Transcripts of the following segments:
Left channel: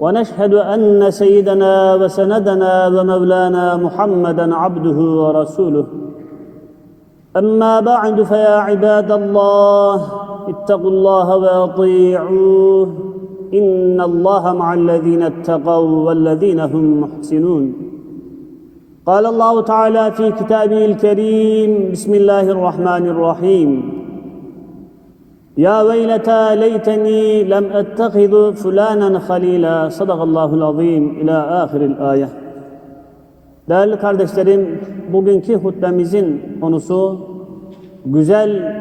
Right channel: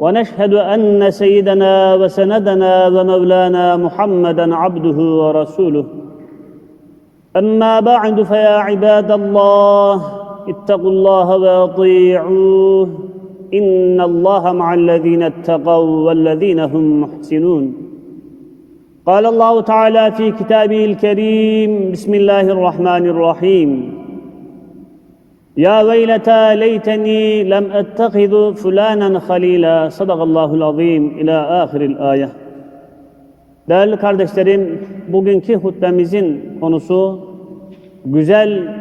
ونشهد أن سيدنا وسندنا ومولانا محمدا عبده ورسوله. أما بعد فيا عباد الله اتقوا الله وأطيعوه. إن الله مع الذين اتقوا والذين هم محسنون. قال الله تعالى في كتابه الكريم بسم الله الرحمن الرحيم. Ya veyleta leyteni lem ettehidu fulanen halila. Sadakallahul azim ila ahiril ayet. Değerli kardeşlerim, bugünkü hutbemizin konusu güzel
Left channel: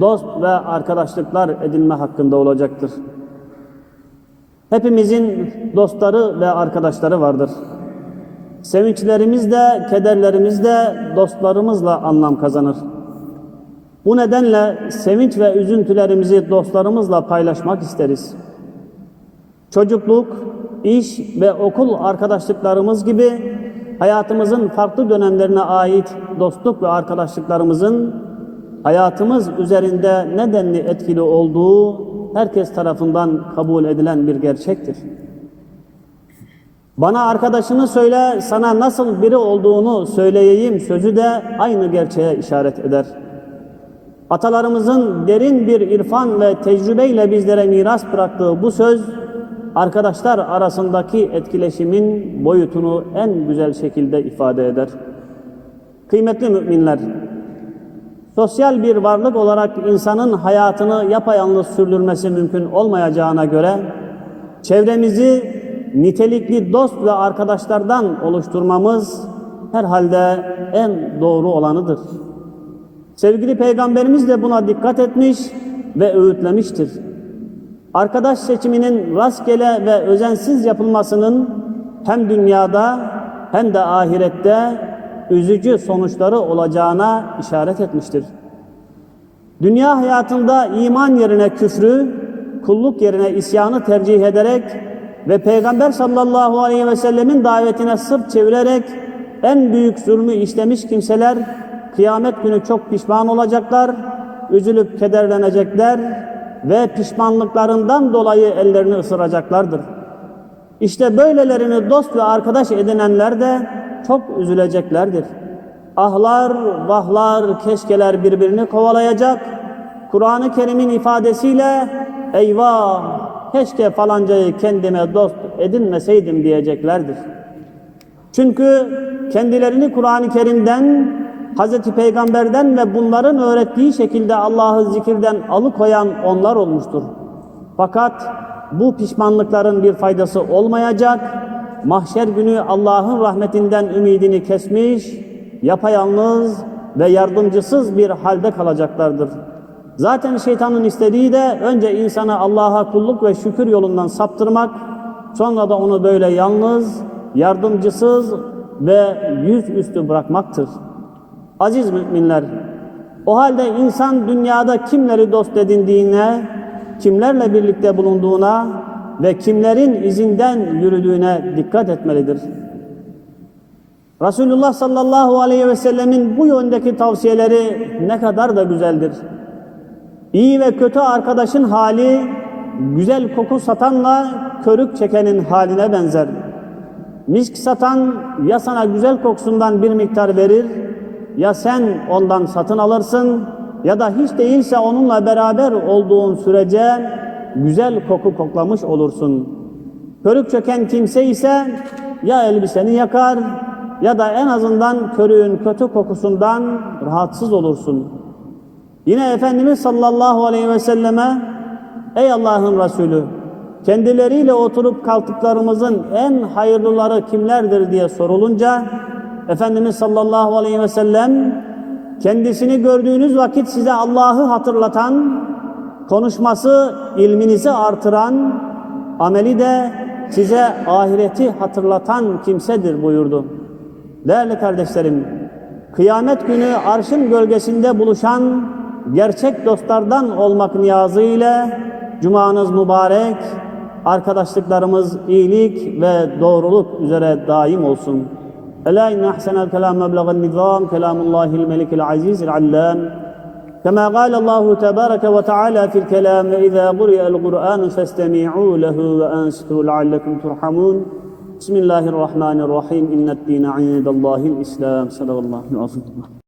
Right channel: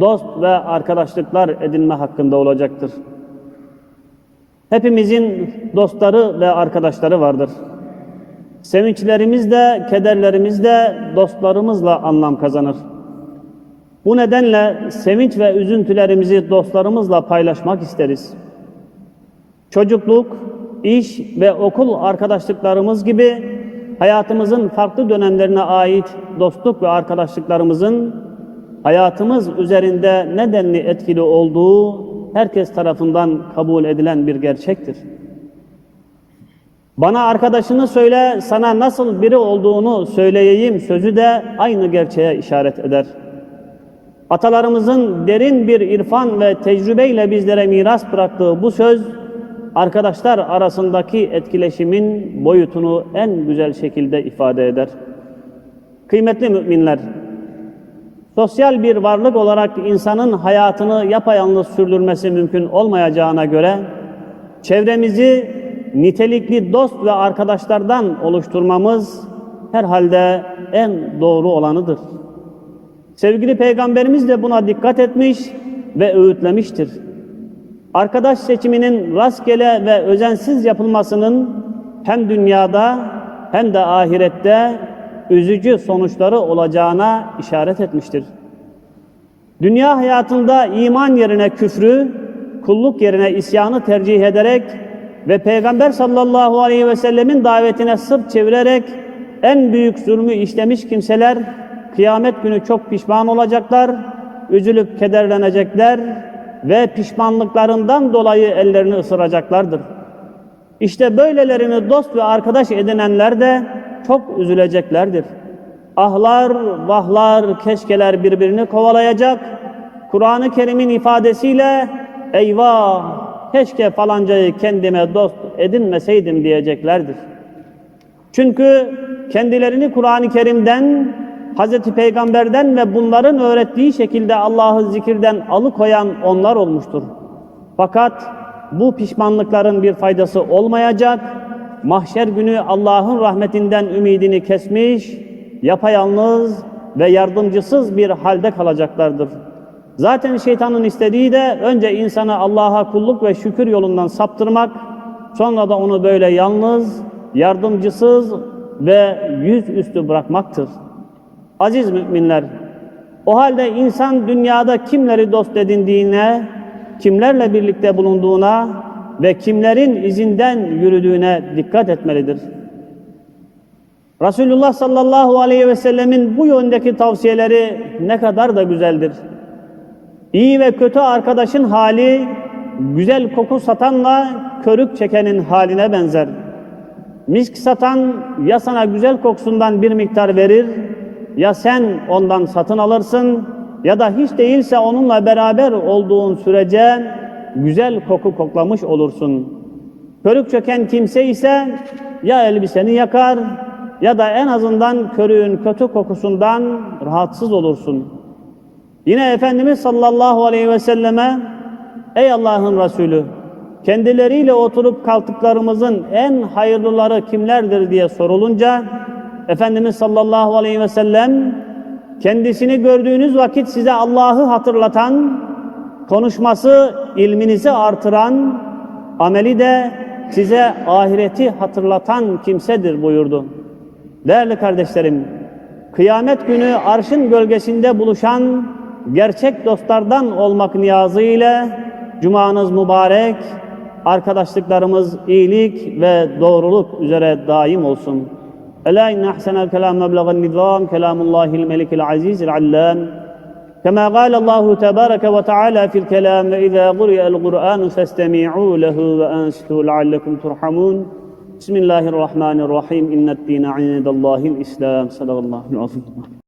dost ve arkadaşlıklar edinme hakkında olacaktır. Hepimizin dostları ve arkadaşları vardır. Sevinçlerimiz de, kederlerimiz de dostlarımızla anlam kazanır. Bu nedenle sevinç ve üzüntülerimizi dostlarımızla paylaşmak isteriz. Çocukluk, iş ve okul arkadaşlıklarımız gibi hayatımızın farklı dönemlerine ait dostluk ve arkadaşlıklarımızın hayatımız üzerinde nedenli etkili olduğu herkes tarafından kabul edilen bir gerçektir. Bana arkadaşını söyle, sana nasıl biri olduğunu söyleyeyim sözü de aynı gerçeğe işaret eder. Atalarımızın derin bir irfan ve tecrübeyle bizlere miras bıraktığı bu söz, arkadaşlar arasındaki etkileşimin boyutunu en güzel şekilde ifade eder. Kıymetli müminler, sosyal bir varlık olarak insanın hayatını yapayalnız sürdürmesi mümkün olmayacağına göre, çevremizi nitelikli dost ve arkadaşlardan oluşturmamız herhalde en doğru olanıdır. Sevgili Peygamberimiz de buna dikkat etmiş ve öğütlemiştir. Arkadaş seçiminin rastgele ve özensiz yapılmasının hem dünyada hem de ahirette üzücü sonuçları olacağına işaret etmiştir. Dünya hayatında iman yerine küfrü, kulluk yerine isyanı tercih ederek ve Peygamber sallallahu aleyhi ve sellemin davetine sırt çevirerek en büyük zulmü işlemiş kimseler kıyamet günü çok pişman olacaklar, üzülüp kederlenecekler ve pişmanlıklarından dolayı ellerini ısıracaklardır. İşte böylelerini dost ve arkadaş edinenler de çok üzüleceklerdir. Ahlar, vahlar, keşkeler birbirini kovalayacak. Kur'an-ı Kerim'in ifadesiyle eyvah keşke falancayı kendime dost edinmeseydim diyeceklerdir. Çünkü kendilerini Kur'an-ı Kerim'den Hazreti Peygamber'den ve bunların öğrettiği şekilde Allah'ı zikirden alıkoyan onlar olmuştur. Fakat bu pişmanlıkların bir faydası olmayacak. Mahşer günü Allah'ın rahmetinden ümidini kesmiş, yapayalnız ve yardımcısız bir halde kalacaklardır. Zaten şeytanın istediği de önce insanı Allah'a kulluk ve şükür yolundan saptırmak, sonra da onu böyle yalnız, yardımcısız ve yüzüstü bırakmaktır. Aziz müminler, o halde insan dünyada kimleri dost edindiğine, kimlerle birlikte bulunduğuna ve kimlerin izinden yürüdüğüne dikkat etmelidir. Resulullah sallallahu aleyhi ve sellemin bu yöndeki tavsiyeleri ne kadar da güzeldir. İyi ve kötü arkadaşın hali, güzel koku satanla körük çekenin haline benzer. Misk satan ya sana güzel kokusundan bir miktar verir, ya sen ondan satın alırsın ya da hiç değilse onunla beraber olduğun sürece güzel koku koklamış olursun. Körük çöken kimse ise ya elbiseni yakar ya da en azından körüğün kötü kokusundan rahatsız olursun. Yine Efendimiz sallallahu aleyhi ve selleme ey Allah'ın Resulü kendileriyle oturup kalktıklarımızın en hayırlıları kimlerdir diye sorulunca Efendimiz sallallahu aleyhi ve sellem kendisini gördüğünüz vakit size Allah'ı hatırlatan, konuşması ilminizi artıran, ameli de size ahireti hatırlatan kimsedir buyurdu. Değerli kardeşlerim, kıyamet günü arşın gölgesinde buluşan gerçek dostlardan olmak niyazı ile Cumanız mübarek, arkadaşlıklarımız iyilik ve doğruluk üzere daim olsun. Ela inne ahsenel kelam meblegan nizam kelamullahil melikil azizil allam كما قال الله تبارك وتعالى في الكلام إذا قرئ القرآن فاستمعوا له وأنصتوا لعلكم ترحمون. بسم الله الرحمن الرحيم. إن الدين عند الله الإسلام. صدق الله العظيم.